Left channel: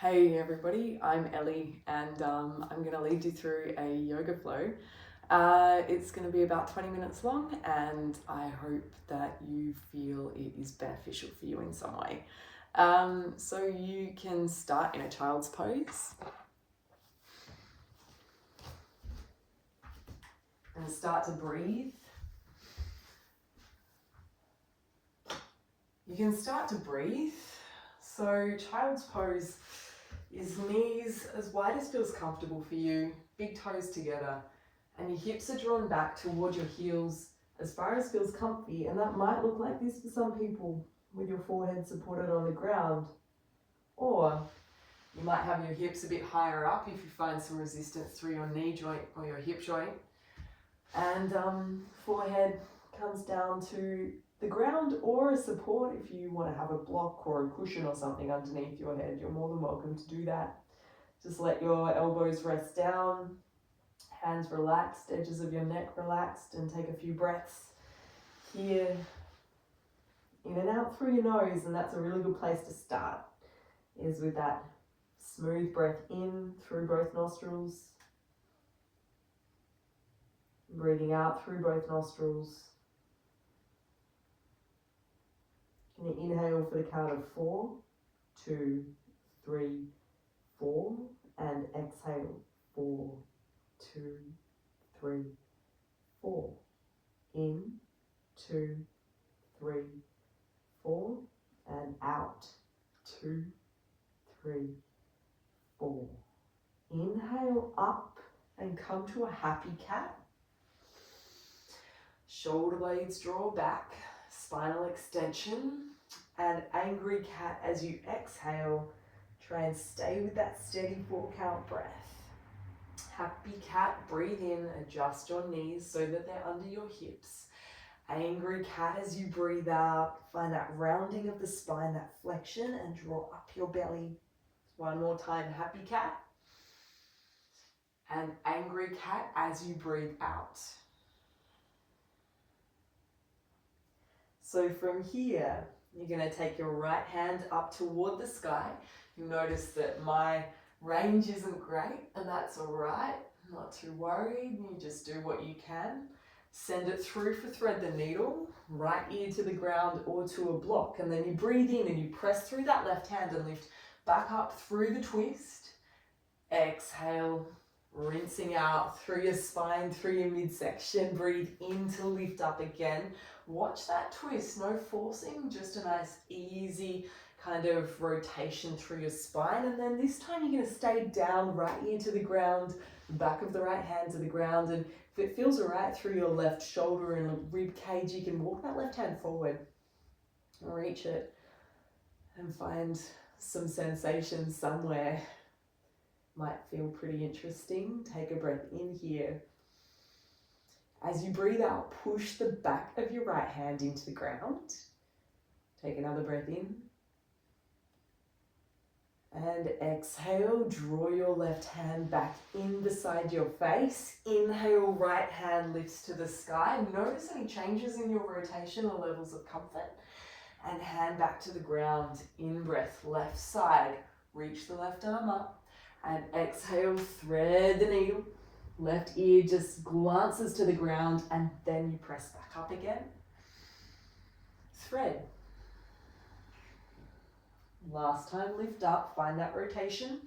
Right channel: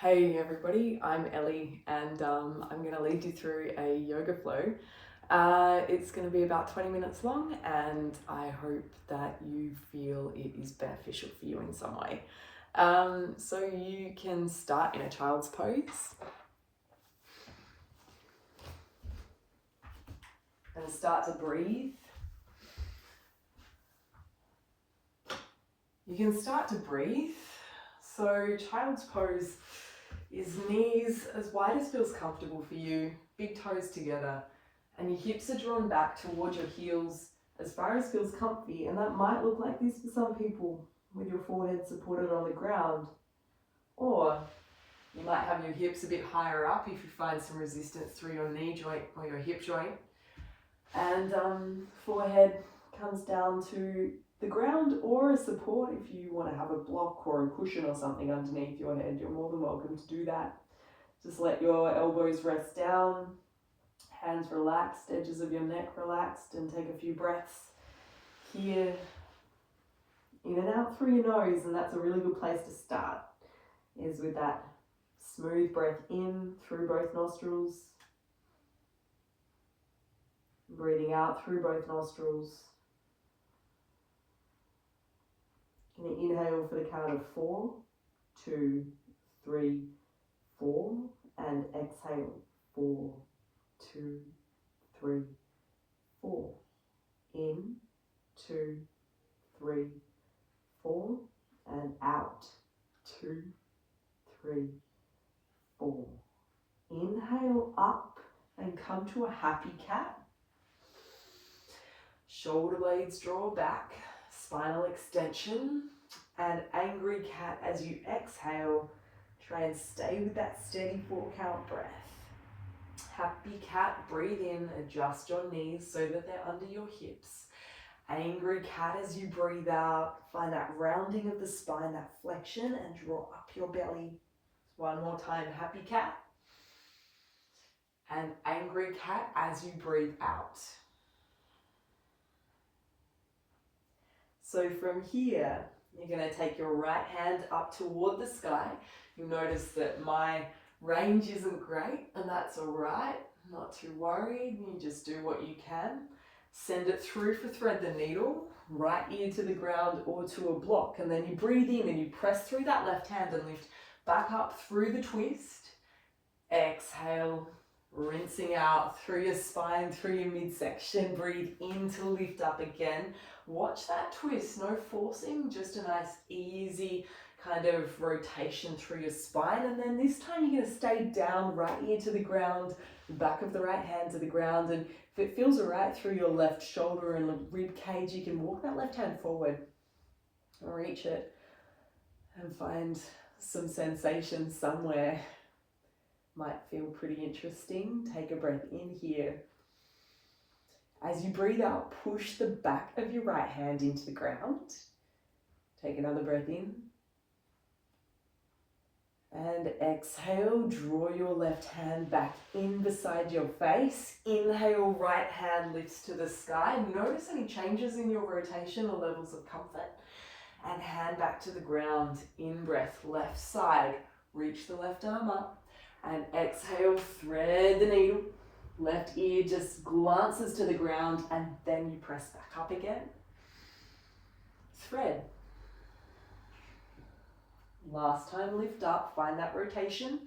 Hey everybody, I'm Ellie and I'm going to lead you through a yoga flow. It's going to be about 20 minutes long and I hope that you feel it is beneficial for you in some way. So you can start in a child's pose and start to breathe. You can start to breathe. So child's pose is knees as wide as feels comfortable for you, big toes together, and your hips are drawn back towards your heels as far as feels comfy, and that might look like this for some people with your forehead supported on the ground. Or you might have your hips a bit higher up if you find some resistance through your knee joint or your hip joint, and forehead comes down to the ground or a support. If you want to have a block or a cushion or something underneath your head, you're more than welcome to do that. Just let your elbows rest down, hands relaxed, edges of your neck relaxed, and take a few breaths here, in and out through your nose. And that's a really good place to start, is with that smooth breath in through both nostrils, breathing out through both nostrils. Can you inhale for the count of 4, 2, 3, 4, and exhale 4, 2, 3, 4. In, 2, 3, 4, and out 2, 3, 4. Inhale up and come to a happy cat. Shoulder blades draw back, spinal extension, and angry cat as you exhale. Try and stay with that steady 4 count breath. Happy cat, breathe in, adjust your knees so that they're under your hips. Angry cat as you breathe out, find that rounding of the spine, that flexion, and draw up your belly. One more time, happy cat. And angry cat as you breathe out. So from here, you're going to take your right hand up toward the sky. You'll notice that my range isn't great, and that's all right. Not too worried. You just do what you can. Send it through for thread the needle, right ear to the ground or to a block, and then you breathe in and you press through that left hand and lift back up through the twist. Exhale, rinsing out through your spine, through your midsection. Breathe in to lift up again. Watch that twist, no forcing, just a nice easy kind of rotation through your spine. And then this time you're going to stay down, right ear to the ground, back of the right hand to the ground. And if it feels all right through your left shoulder and rib cage, you can walk that left hand forward, reach it, and find some sensation somewhere. Might feel pretty interesting. Take a breath in here. As you breathe out, push the back of your right hand into the ground. Take another breath in. And exhale, draw your left hand back in beside your face. Inhale, right hand lifts to the sky. Notice any changes in your rotation or levels of comfort. And hand back to the ground. In breath, left side. Reach the left arm up. And exhale, thread the needle. Left ear just glances to the ground, and then you press back up again. Thread. Last time, lift up, find that rotation.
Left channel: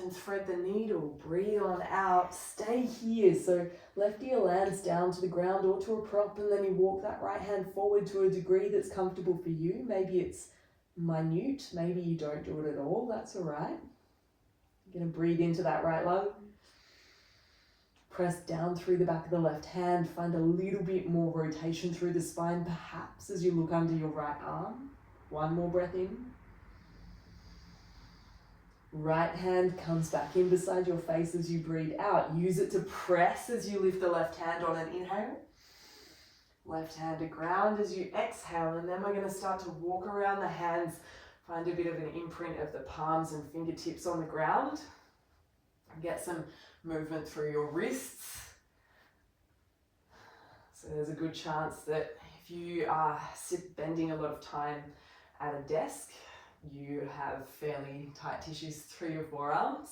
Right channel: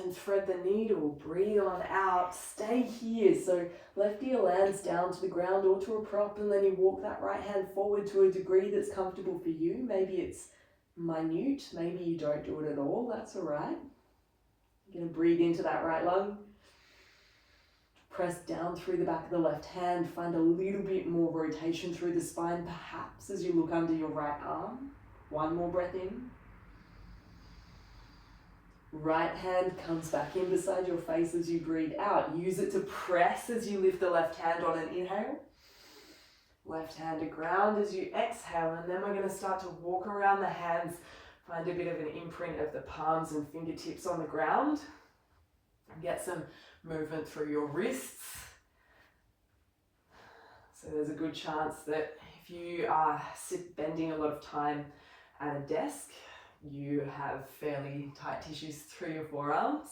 And thread the needle, breathe on out, stay here. So left ear lands down to the ground or to a prop, and then you walk that right hand forward to a degree that's comfortable for you. Maybe it's minute, maybe you don't do it at all, that's all right. You're going to breathe into that right lung. Press down through the back of the left hand. Find a little bit more rotation through the spine, perhaps as you look under your right arm. One more breath in. Right hand comes back in beside your face as you breathe out. Use it to press as you lift the left hand on an inhale. Left hand to ground as you exhale, and then we're going to start to walk around the hands. Find a bit of an imprint of the palms and fingertips on the ground. Get some movement through your wrists. So there's a good chance that if you are bending a lot of time at a desk, you have fairly tight tissues through your forearms.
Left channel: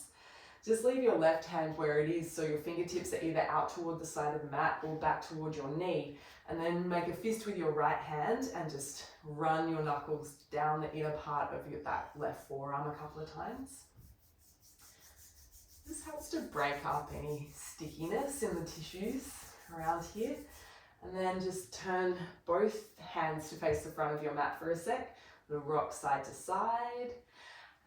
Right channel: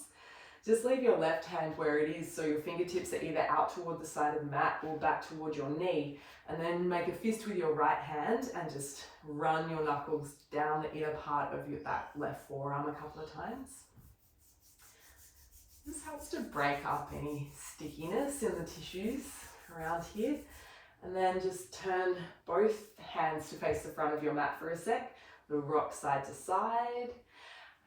Just leave your left hand where it is, so your fingertips are either out toward the side of the mat or back toward your knee. And then make a fist with your right hand and just run your knuckles down the inner part of that left forearm a couple of times. This helps to break up any stickiness in the tissues around here. And then just turn both hands to face the front of your mat for a sec. We'll rock side to side.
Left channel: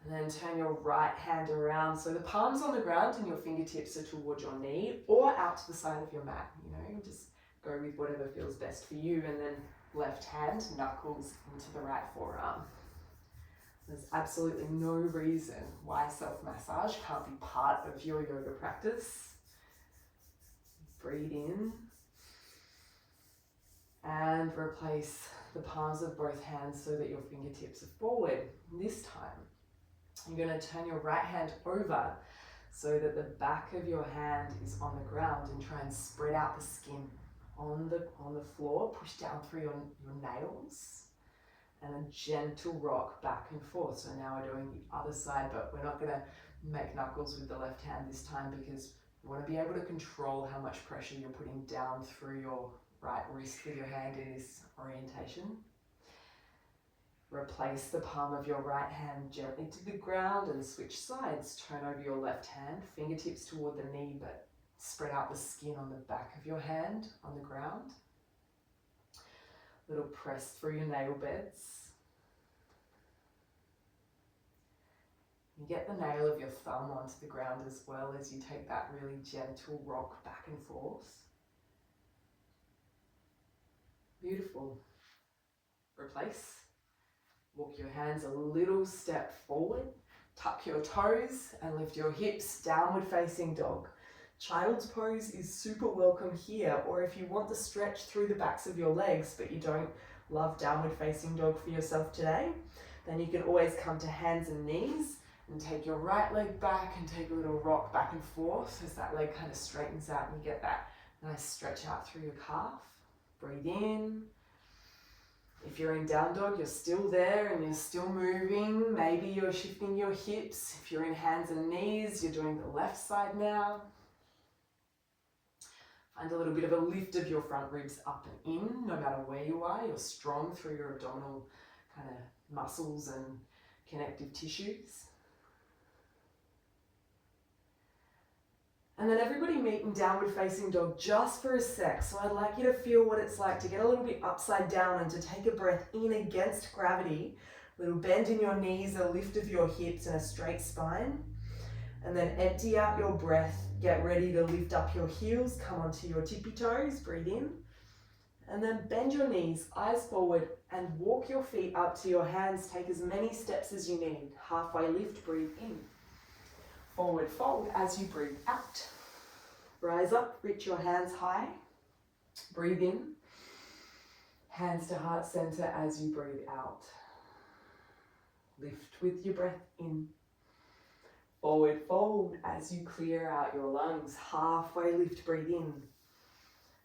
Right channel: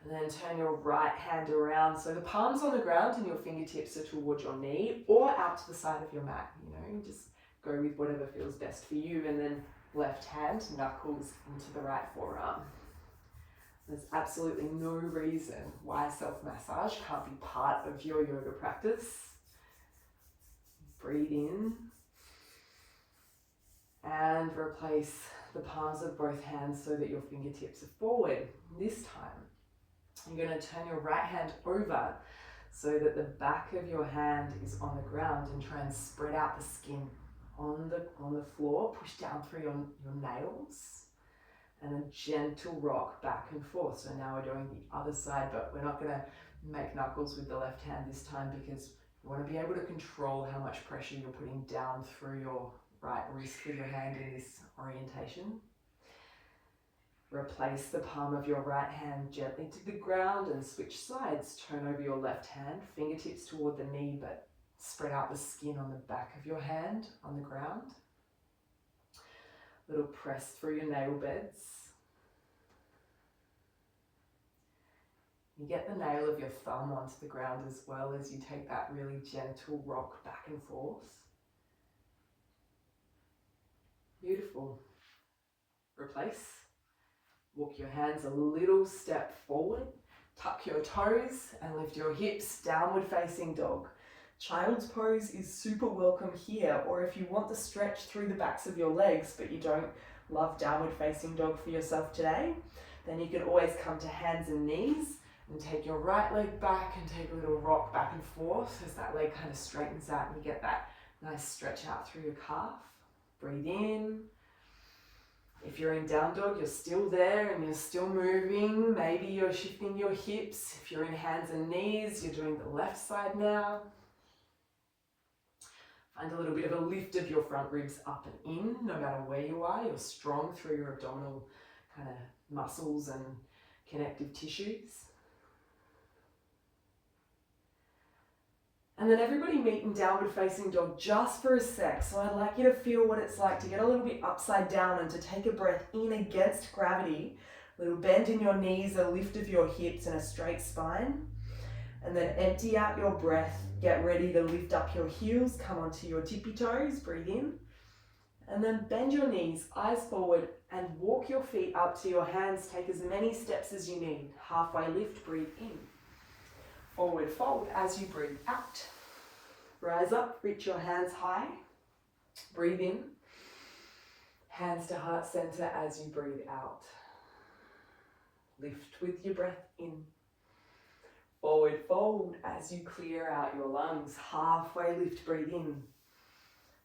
And then turn your right hand around. So the palm's on the ground and your fingertips are towards your knee or out to the side of your mat. You know, just go with whatever feels best for you. And then left hand, knuckles into the right forearm. There's absolutely no reason why self-massage can't be part of your yoga practice. Breathe in. And replace the palms of both hands so that your fingertips are forward. This time, you're going to turn your right hand over so that the back of your hand is on the ground and try and spread out the skin on the floor. Push down through your nails and a gentle rock back and forth. So now we're doing the other side, but we're not going to make knuckles with the left hand this time because you want to be able to control how much pressure you're putting down through your right wrist with your hand in this orientation. Replace the palm of your right hand gently to the ground and switch sides. Turn over your left hand, fingertips toward the knee, but spread out the skin on the back of your hand on the ground. Little press through your nail beds. You get the nail of your thumb onto the ground as well as you take that really gentle rock back and forth. Beautiful. Replace. Walk your hands a little step forward. Tuck your toes and lift your hips, downward facing dog. Child's pose is super welcome here, or if you want the stretch through the backs of your legs but you don't love downward facing dog for yourself today, then you can always come to hands and knees and take your right leg back and take a little rock back and forth as that leg kind of straightens out and you get that nice stretch out through your calf. Breathe in. If you're in down dog, you're still there and you're still moving. Maybe you're shifting your hips. If you're in hands and knees, you're doing the left side now. Find a little bit of a lift of your front ribs up and in, no matter where you are. You're strong through your abdominal kind of muscles and connective tissues. And then everybody meet in downward facing dog just for a sec. So I'd like you to feel what it's like to get a little bit upside down and to take a breath in against gravity. A little bend in your knees, a lift of your hips and a straight spine. And then empty out your breath. Get ready to lift up your heels, come onto your tippy toes, breathe in. And then bend your knees, eyes forward, and walk your feet up to your hands. Take as many steps as you need. Halfway lift, breathe in. Forward fold as you breathe out. Rise up, reach your hands high. Breathe in. Hands to heart center as you breathe out. Lift with your breath in. Forward fold as you clear out your lungs. Halfway lift, breathe in.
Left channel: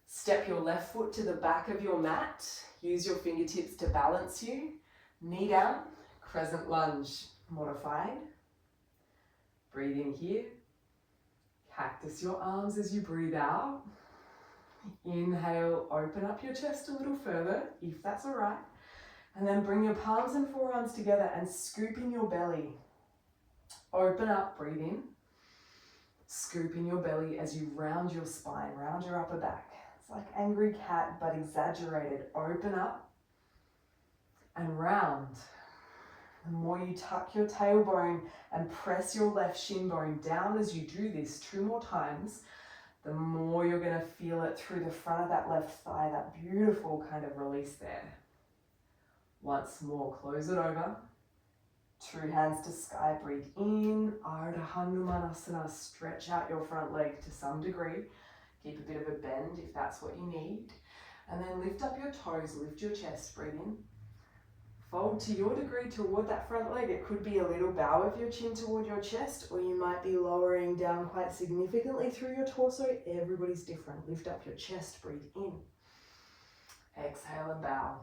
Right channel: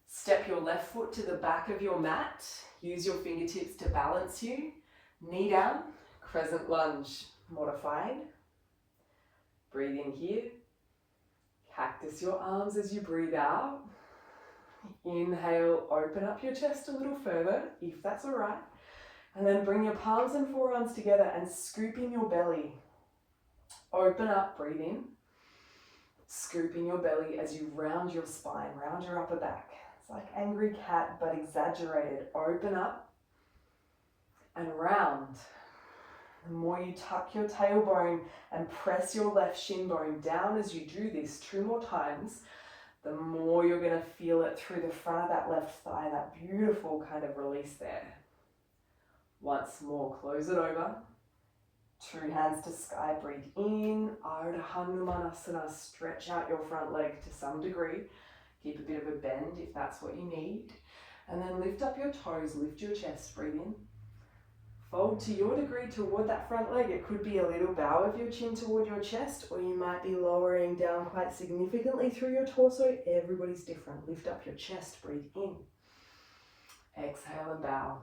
Step your left foot to the back of your mat. Use your fingertips to balance you. Knee down, crescent lunge, modified. Breathe in here. Cactus your arms as you breathe out. Inhale, open up your chest a little further, if that's all right. And then bring your palms and forearms together and scoop in your belly. Open up, breathe in. Scoop in your belly as you round your spine, round your upper back. It's like angry cat, but exaggerated. Open up and round. The more you tuck your tailbone and press your left shin bone down as you do this 2 more times, the more you're going to feel it through the front of that left thigh, that beautiful kind of release there. Once more, close it over. 2 hands to sky, breathe in. Ardha Hanumanasana, stretch out your front leg to some degree. Keep a bit of a bend if that's what you need. And then lift up your toes, lift your chest, breathe in. Fold to your degree toward that front leg. It could be a little bow of your chin toward your chest, or you might be lowering down quite significantly through your torso. Everybody's different. Lift up your chest, breathe in. Exhale and bow.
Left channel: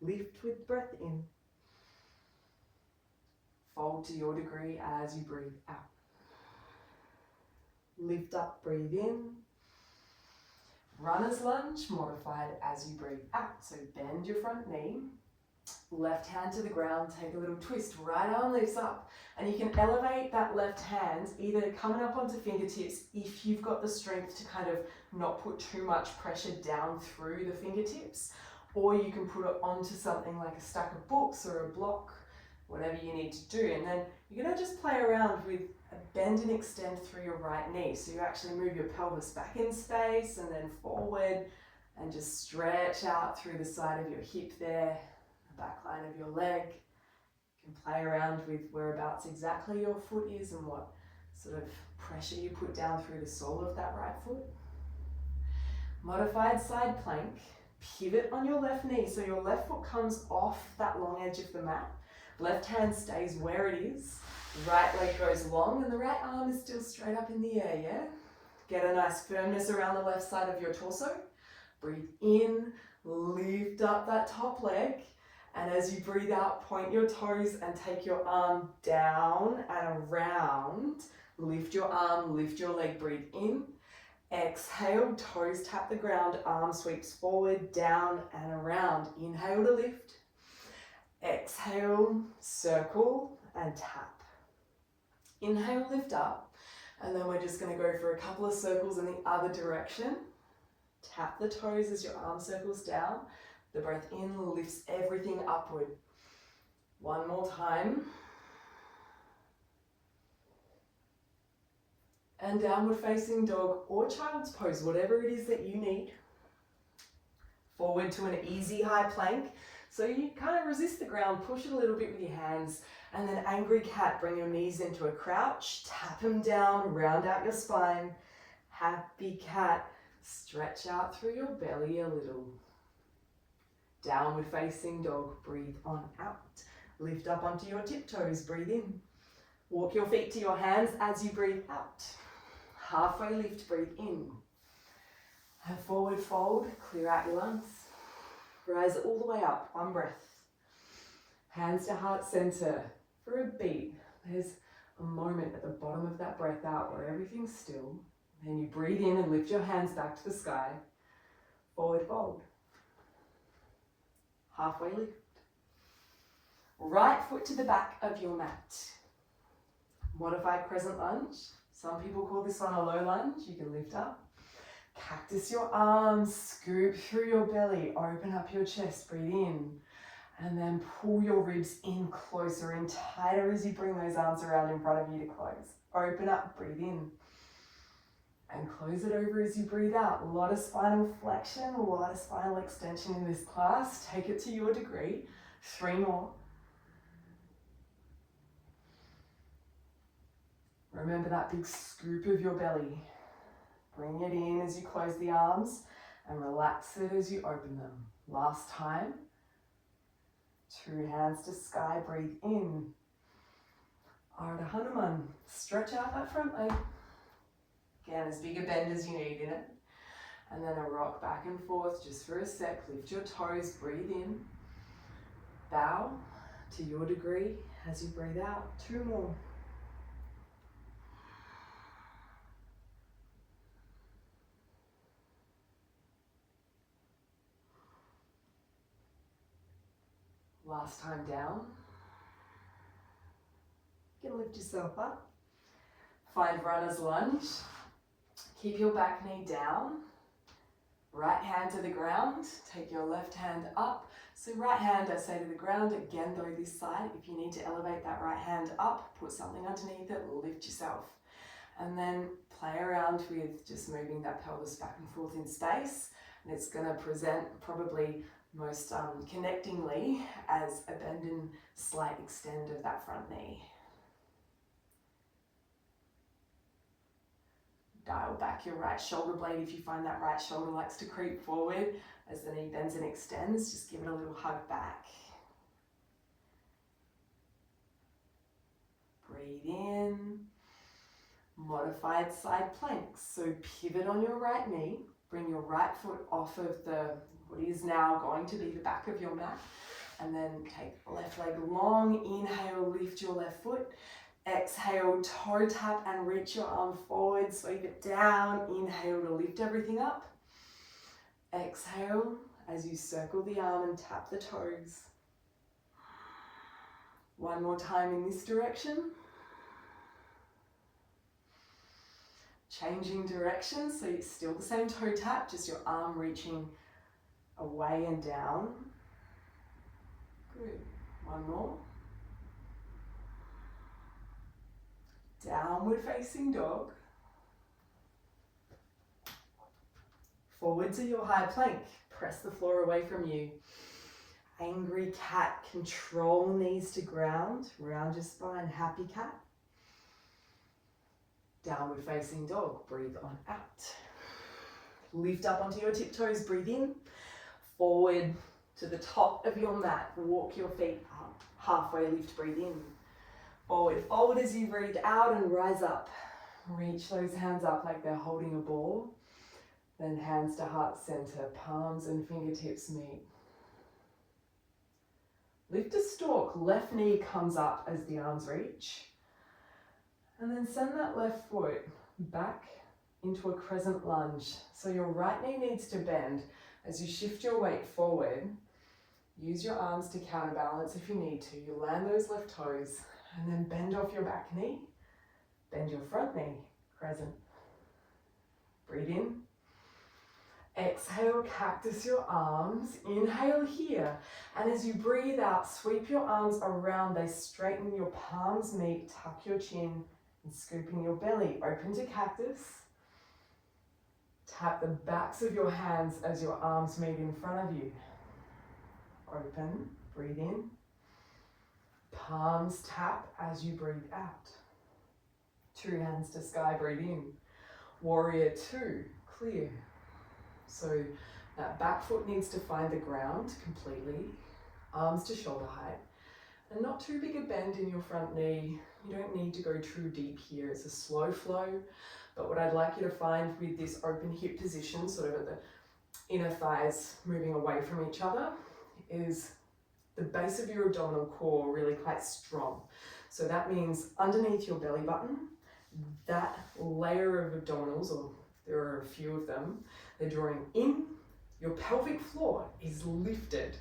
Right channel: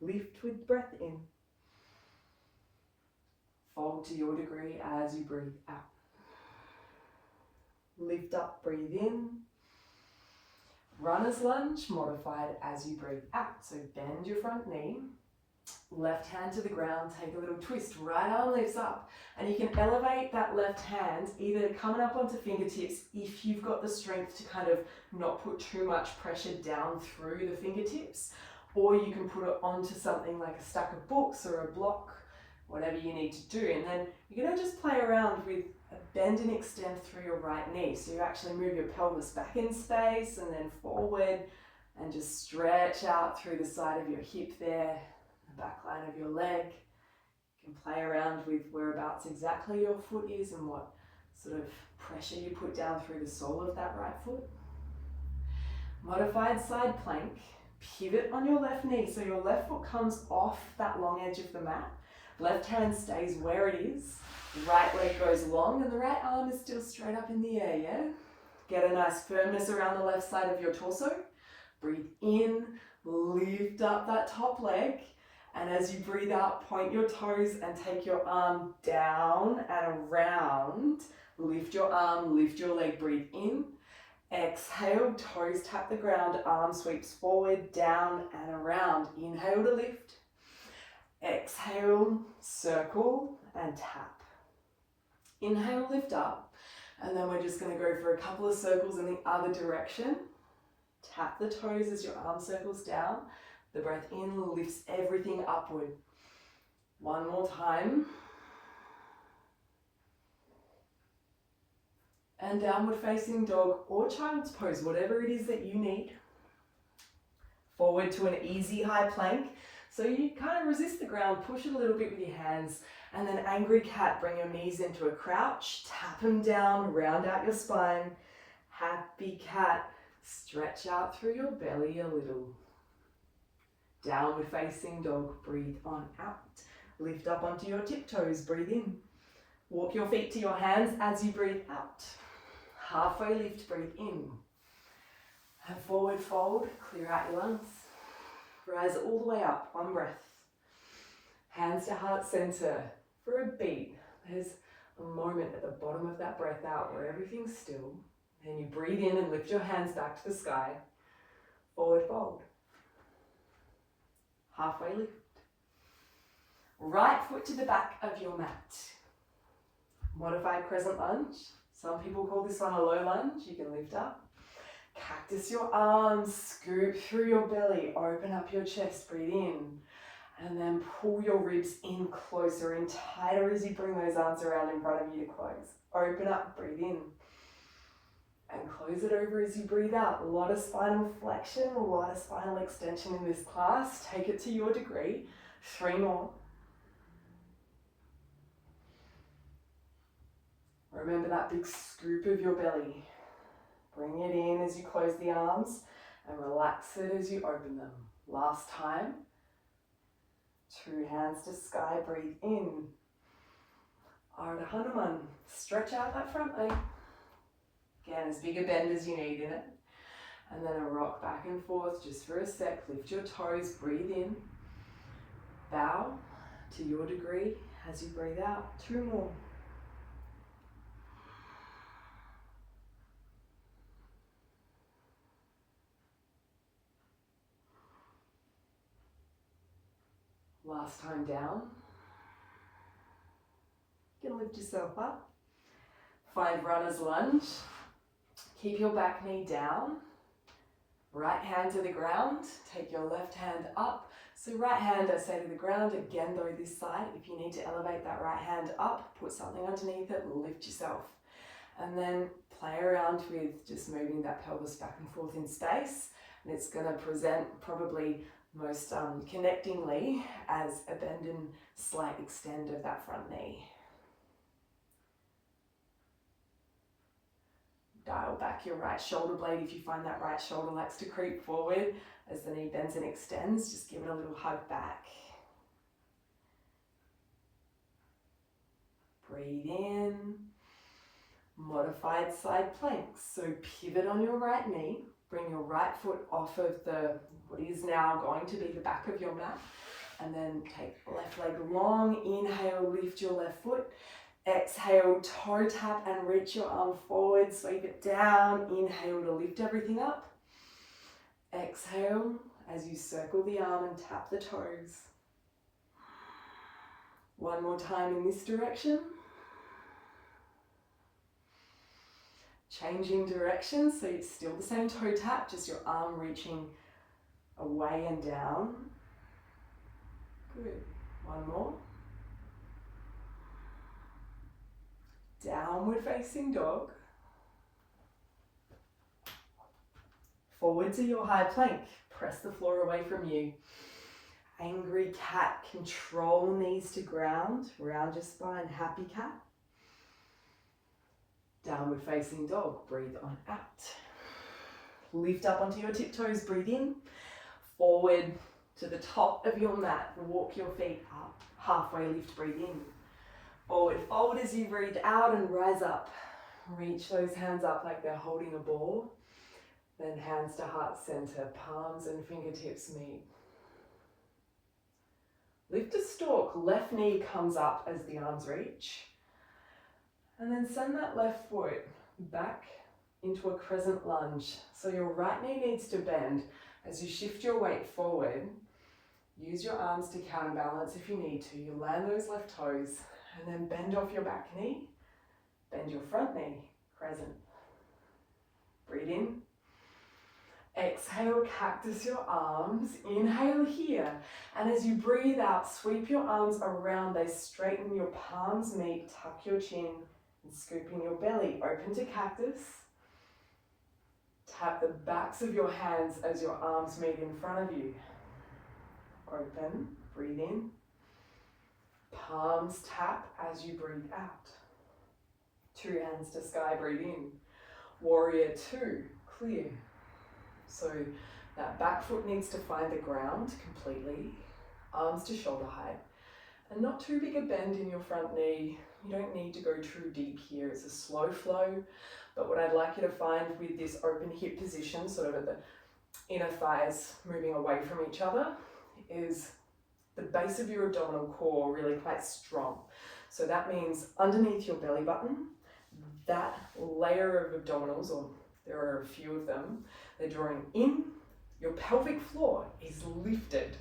Lift with breath in. Fold to your degree as you breathe out. Lift up, breathe in. Runner's lunge, modified as you breathe out. So bend your front knee, left hand to the ground, take a little twist, right arm lifts up. And you can elevate that left hand, either coming up onto fingertips if you've got the strength to kind of not put too much pressure down through the fingertips, or you can put it onto something like a stack of books or a block, whatever you need to do. And then you're gonna just play around with a bend and extend through your right knee. So you actually move your pelvis back in space and then forward and just stretch out through the side of your hip there, the back line of your leg. You can play around with whereabouts exactly your foot is and what sort of pressure you put down through the sole of that right foot. Modified side plank, pivot on your left knee. So your left foot comes off that long edge of the mat. Left hand stays where it is. Right leg goes long and the right arm is still straight up in the air, yeah? Get a nice firmness around the left side of your torso. Breathe in, lift up that top leg. And as you breathe out, point your toes and take your arm down and around. Lift your arm, lift your leg, breathe in. Exhale, toes tap the ground, arm sweeps forward, down and around. Inhale to lift. Exhale, circle and tap. Inhale, lift up. And then we're just going to go for a couple of circles in the other direction. Tap the toes as your arm circles down. The breath in lifts everything upward. One more time. And downward facing dog or child's pose, whatever it is that you need. Forward to an easy high plank. So you kind of resist the ground, push it a little bit with your hands, and then angry cat, bring your knees into a crouch, tap them down, round out your spine. Happy cat, stretch out through your belly a little. Downward facing dog, breathe on out. Lift up onto your tiptoes, breathe in. Walk your feet to your hands as you breathe out. Halfway lift, breathe in. And forward fold, clear out your lungs. Rise all the way up, one breath. Hands to heart center for a beat. There's a moment at the bottom of that breath out where everything's still. Then you breathe in and lift your hands back to the sky. Forward fold. Halfway lift. Right foot to the back of your mat. Modified crescent lunge. Some people call this one a low lunge. You can lift up. Cactus your arms, scoop through your belly, open up your chest, breathe in, and then pull your ribs in closer, in tighter as you bring those arms around in front of you to close. Open up, breathe in, and close it over as you breathe out. A lot of spinal flexion, a lot of spinal extension in this class. Take it to your degree. 3 more. Remember that big scoop of your belly. Bring it in as you close the arms and relax it as you open them. Last time. 2 hands to sky, breathe in. Ardha Hanuman, stretch out that front leg. Again, as big a bend as you need in it. And then a rock back and forth just for a sec. Lift your toes, breathe in. Bow to your degree as you breathe out. 2 more. Last time down. You can lift yourself up. Find runner's lunge. Keep your back knee down. Right hand to the ground. Take your left hand up. So right hand, I say to the ground. Again, though, this side. If you need to elevate that right hand up, put something underneath it, lift yourself. And then play around with just moving that pelvis back and forth in space. And it's going to present probably most connectingly as a bend and slight extend of that front knee. Dial back your right shoulder blade if you find that right shoulder likes to creep forward as the knee bends and extends. Just give it a little hug back. Breathe in. Modified side planks. So pivot on your right knee. Bring your right foot off of what is now going to be the back of your mat. And then take left leg long. Inhale, lift your left foot. Exhale, toe tap and reach your arm forward. Sweep it down. Inhale to lift everything up. Exhale as you circle the arm and tap the toes. One more time in this direction. Changing direction, so it's still the same toe tap, just your arm reaching away and down. Good. One more. Downward facing dog. Forward to your high plank. Press the floor away from you. Angry cat. Control knees to ground. Round your spine. Happy cat. Downward facing dog. Breathe on out. Lift up onto your tiptoes. Breathe in. Forward to the top of your mat. Walk your feet up. Halfway lift. Breathe in. Forward fold as you breathe out and rise up. Reach those hands up like they're holding a ball. Then hands to heart center. Palms and fingertips meet. Lift a stalk. Left knee comes up as the arms reach. And then send that left foot back into a crescent lunge. So your right knee needs to bend. As you shift your weight forward, use your arms to counterbalance if you need to. You land those left toes and then bend off your back knee. Bend your front knee, crescent. Breathe in. Exhale, cactus your arms. Inhale here. And as you breathe out, sweep your arms around. They straighten, your palms meet, tuck your chin. And scooping your belly, open to cactus. Tap the backs of your hands as your arms meet in front of you. Open, breathe in. Palms tap as you breathe out. Two hands to sky, breathe in. Warrior two, clear. So that back foot needs to find the ground completely. Arms to shoulder height. And not too big a bend in your front knee. You don't need to go too deep here. It's a slow flow. But what I'd like you to find with this open hip position, sort of at the inner thighs moving away from each other, is the base of your abdominal core really quite strong. So that means underneath your belly button, that layer of abdominals, or there are a few of them, they're drawing in. Your pelvic floor is lifted.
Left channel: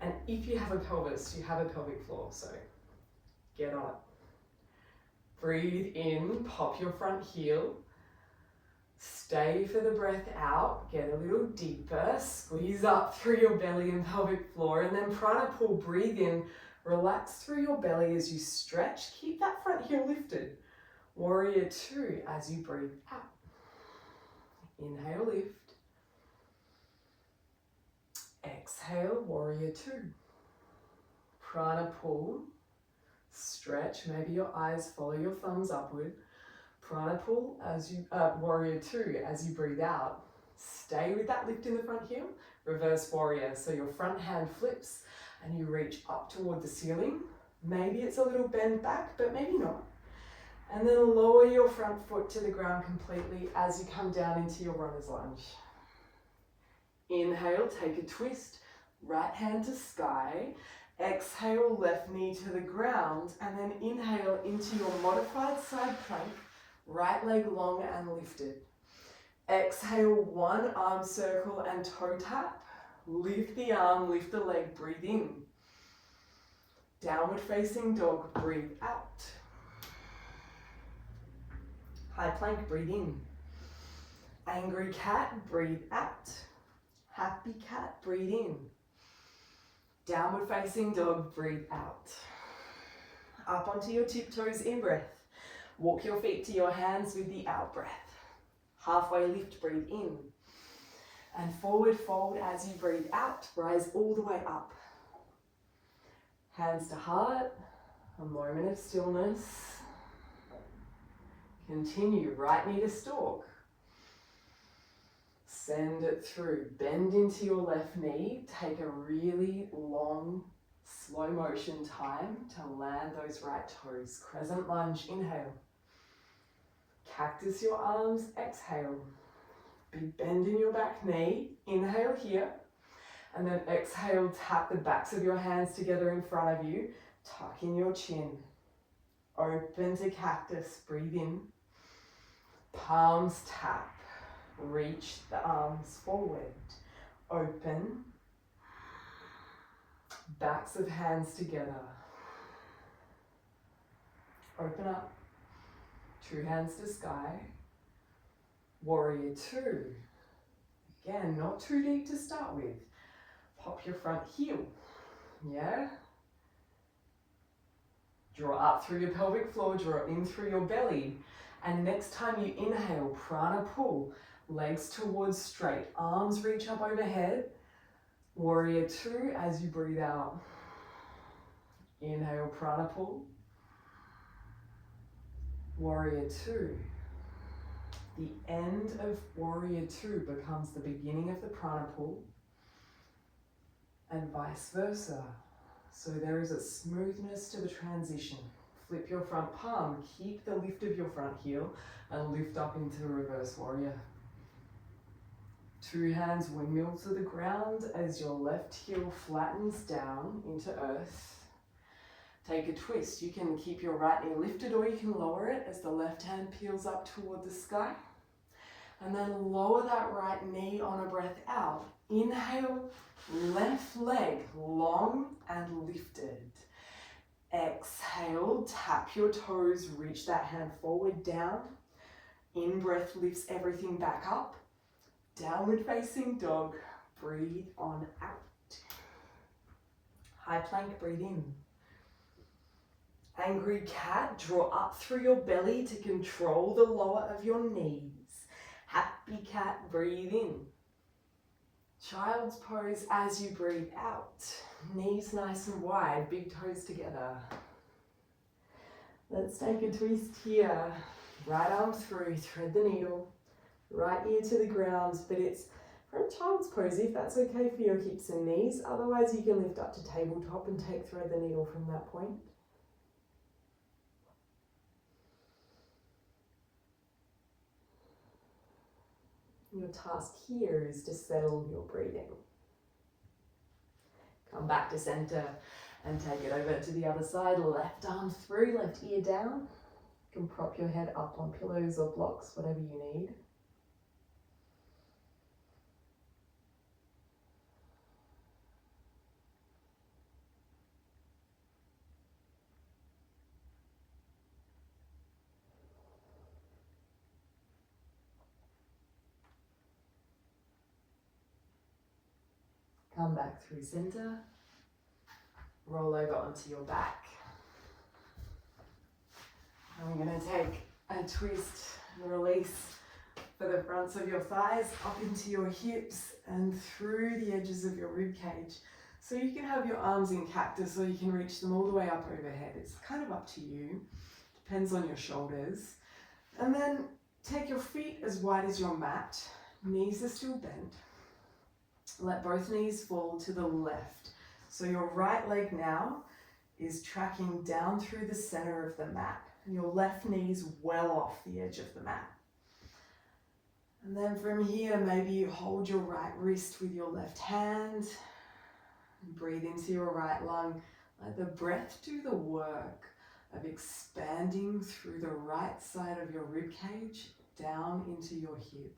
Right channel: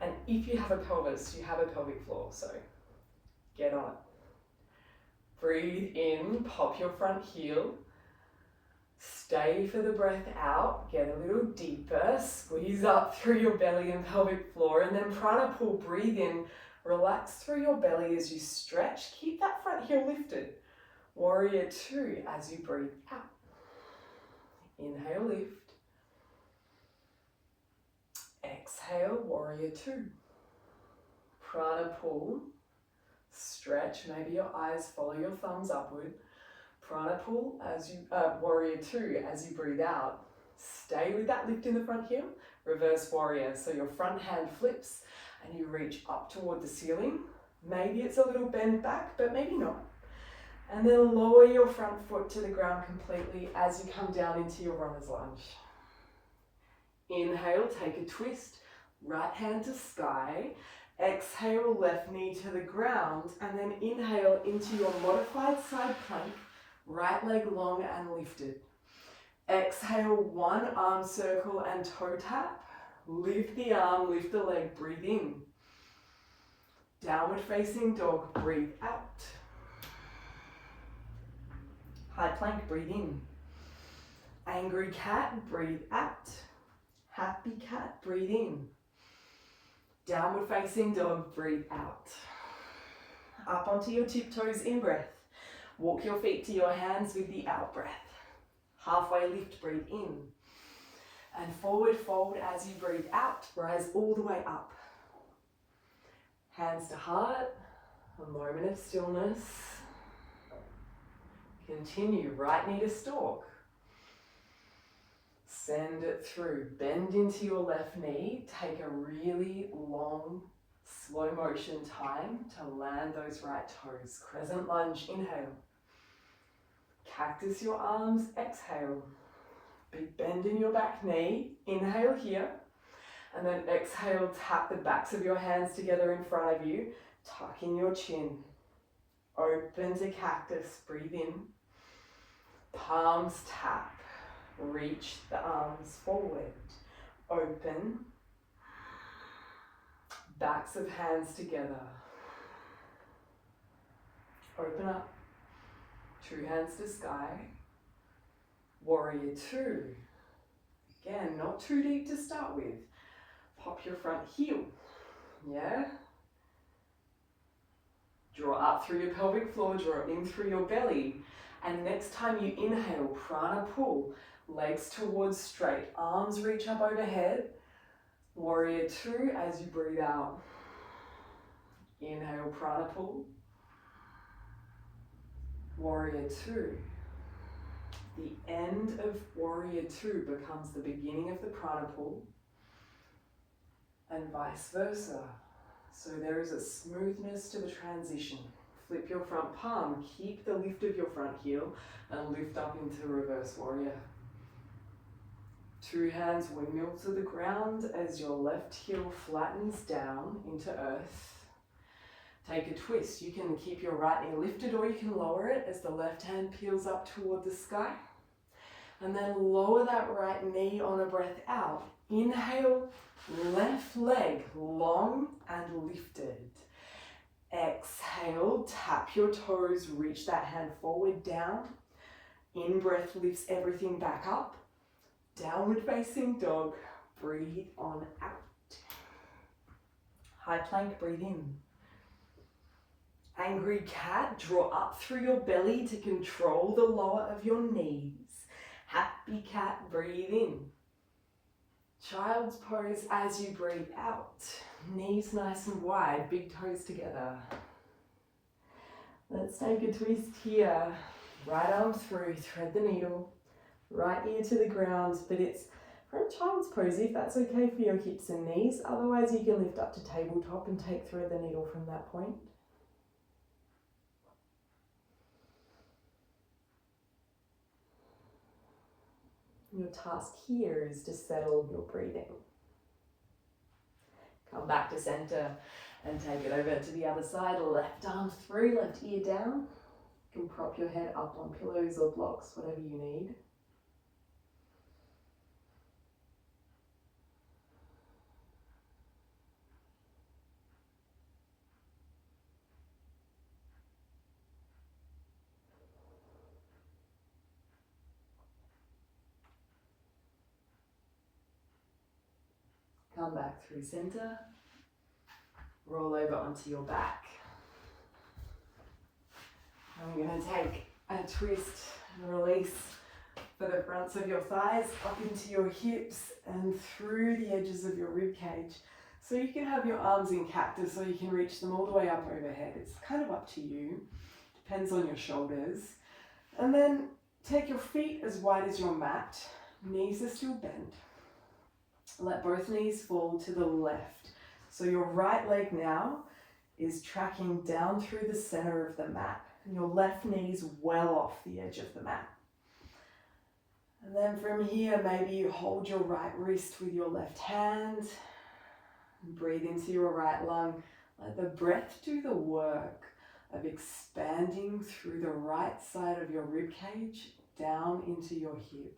And if you have a pelvis, you have a pelvic floor, so get on it. Breathe in, pop your front heel. Stay for the breath out, get a little deeper, squeeze up through your belly and pelvic floor, and then prana pull, breathe in, relax through your belly as you stretch, keep that front heel lifted. Warrior two as you breathe out. Inhale, lift. Exhale, warrior two. Prana pull, stretch, maybe your eyes follow your thumbs upward. Prana pull as you, warrior two as you breathe out. Stay with that lift in the front heel. Reverse warrior, so your front hand flips and you reach up toward the ceiling. Maybe it's a little bend back, but maybe not. And then lower your front foot to the ground completely as you come down into your runner's lunge. Inhale, take a twist, right hand to sky. Exhale, left knee to the ground, and then inhale into your modified side plank, right leg long and lifted. Exhale, one arm circle and toe tap. Lift the arm, lift the leg, breathe in. Downward facing dog, breathe out. High plank, breathe in. Angry cat, breathe out. Happy cat, breathe in. Downward facing dog, breathe out. Up onto your tiptoes, in breath. Walk your feet to your hands with the out breath. Halfway lift, breathe in. And forward fold as you breathe out, rise all the way up. Hands to heart, a moment of stillness. Continue, right knee to stalk. Send it through, bend into your left knee, take a really long, slow motion time to land those right toes. Crescent lunge, inhale. Cactus your arms, exhale. Big bend in your back knee, inhale here. And then exhale, tap the backs of your hands together in front of you, tuck in your chin. Open to cactus, breathe in. Palms tap, reach the arms forward. Open. Backs of hands together. Open up. True hands to sky. Warrior two. Again, not too deep to start with. Pop your front heel. Yeah? Draw up through your pelvic floor, draw in through your belly. And next time you inhale, prana pull. Legs towards straight, arms reach up overhead. Warrior two as you breathe out. Inhale, prana pull. Warrior two. The end of warrior two becomes the beginning of the prana pull, and vice versa. So there is a smoothness to the transition. Flip your front palm, keep the lift of your front heel, and lift up into reverse warrior. Two hands windmill to the ground as your left heel flattens down into earth. Take a twist. You can keep your right knee lifted or you can lower it as the left hand peels up toward the sky. And then lower that right knee on a breath out. Inhale, left leg long and lifted. Exhale, tap your toes, reach that hand forward, down. In-breath lifts everything back up. Downward facing dog, breathe on out. High plank, breathe in. Angry cat, draw up through your belly to control the lower of your knees. Happy cat, breathe in. Child's pose as you breathe out. Knees nice and wide, big toes together. Let's take a twist here. Right arm through, thread the needle. Right ear to the ground, but it's from child's pose if that's okay for your hips and knees. Otherwise you can lift up to tabletop and take thread the needle from that point. Your task here is to settle your breathing. Come back to center and take it over to the other side. Left arm through, left ear down. You can prop your head up on pillows or blocks, whatever you need. Come back through center. Roll over onto your back. I'm going to take a twist and release for the fronts of your thighs up into your hips and through the edges of your rib cage. So you can have your arms in cactus or you can reach them all the way up overhead. It's kind of up to you. Depends on your shoulders. And then take your feet as wide as your mat. Knees are still bent. Let both knees fall to the left. So your right leg now is tracking down through the center of the mat. And your left knee is well off the edge of the mat. And then from here, maybe you hold your right wrist with your left hand. And breathe into your right lung. Let the breath do the work of expanding through the right side of your rib cage down into your hip.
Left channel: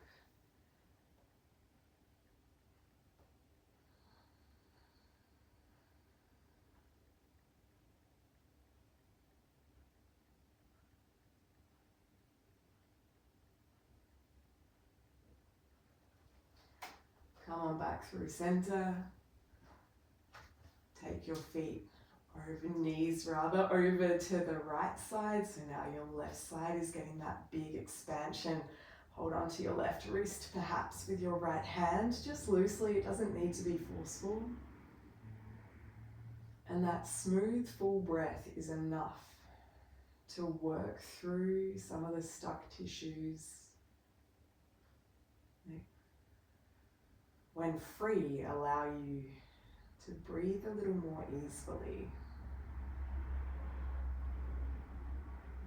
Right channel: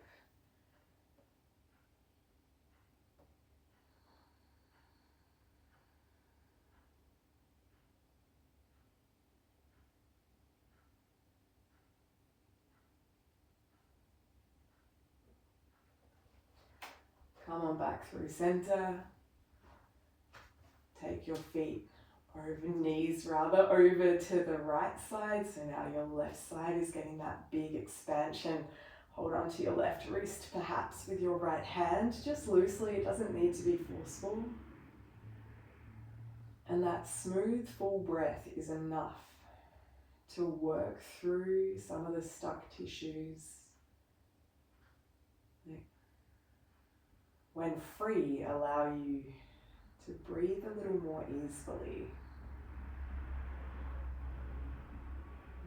Come on back through center. Take your feet knees rather over to the right side. So now your left side is getting that big expansion. Hold on to your left wrist, perhaps with your right hand, just loosely. It doesn't need to be forceful. And that smooth, full breath is enough to work through some of the stuck tissues. When free, allow you to breathe a little more easily.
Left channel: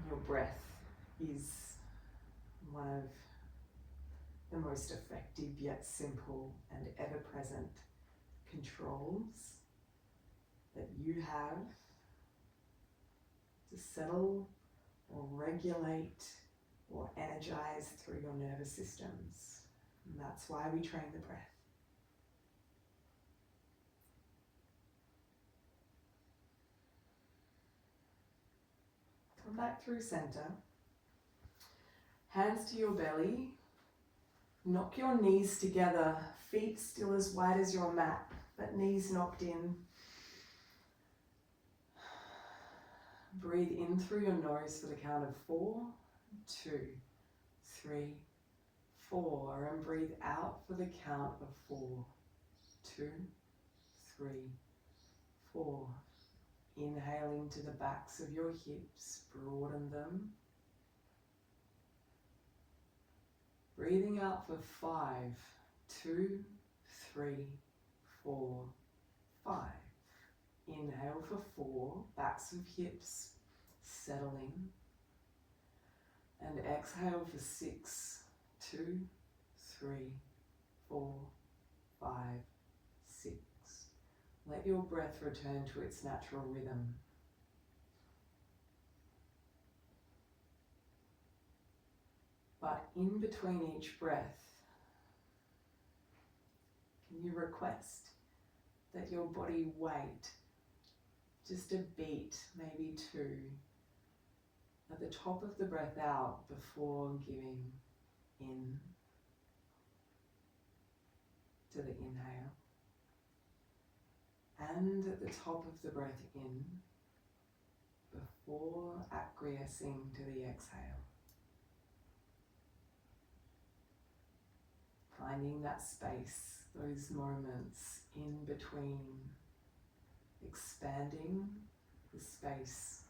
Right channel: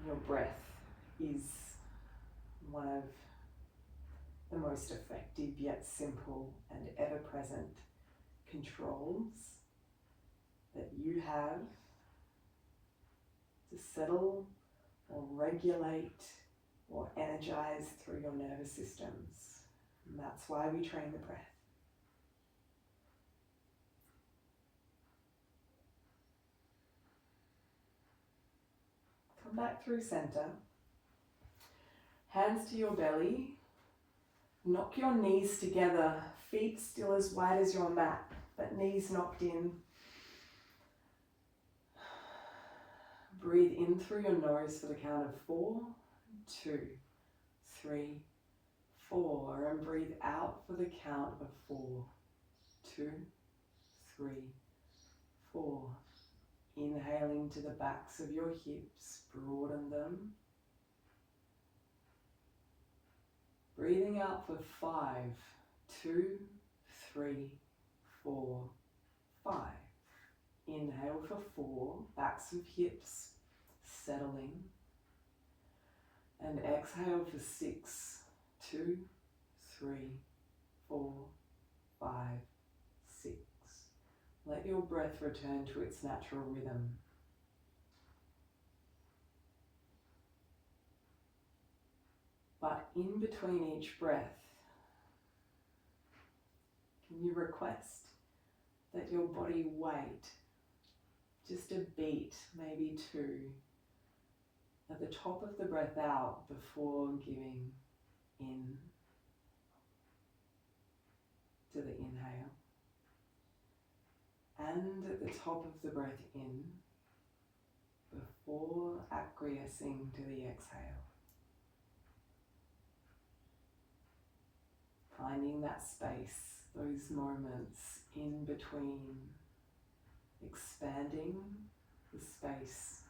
Your breath is one of the most effective yet simple and ever-present controls that you have to settle or regulate or energize through your nervous systems. And that's why we train the breath. Come back through center. Hands to your belly. Knock your knees together, feet still as wide as your mat, but knees knocked in. Breathe in through your nose for the count of 4, 2, 3, 4. And breathe out for the count of 4, 2, 3, 4. Inhaling to the backs of your hips, broaden them. Breathing out for 5, 2, 3, 4, 5. Inhale for 4, backs of hips settling. And exhale for 6, 2, 3, 4, 5, 6. Let your breath return to its natural rhythm. But in between each breath, can you request that your body wait just a beat, maybe 2, at the top of the breath out before giving in to the inhale, and at the top of the breath in before acquiescing to the exhale. Finding that space, those moments in between, expanding the space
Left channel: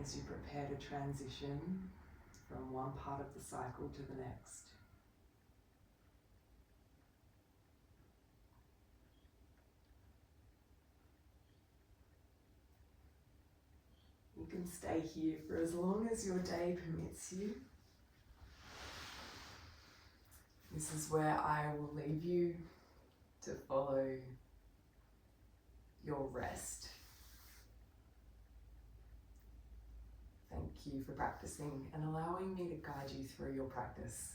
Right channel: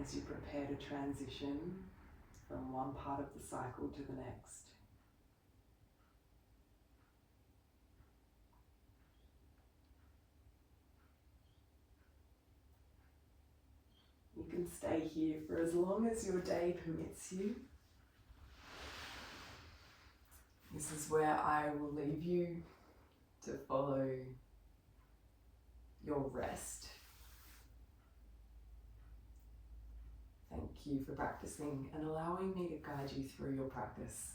as you prepare to transition from one part of the cycle to the next. You can stay here for as long as your day permits you. This is where I will leave you to follow your rest. Thank you for practicing and allowing me to guide you through your practice.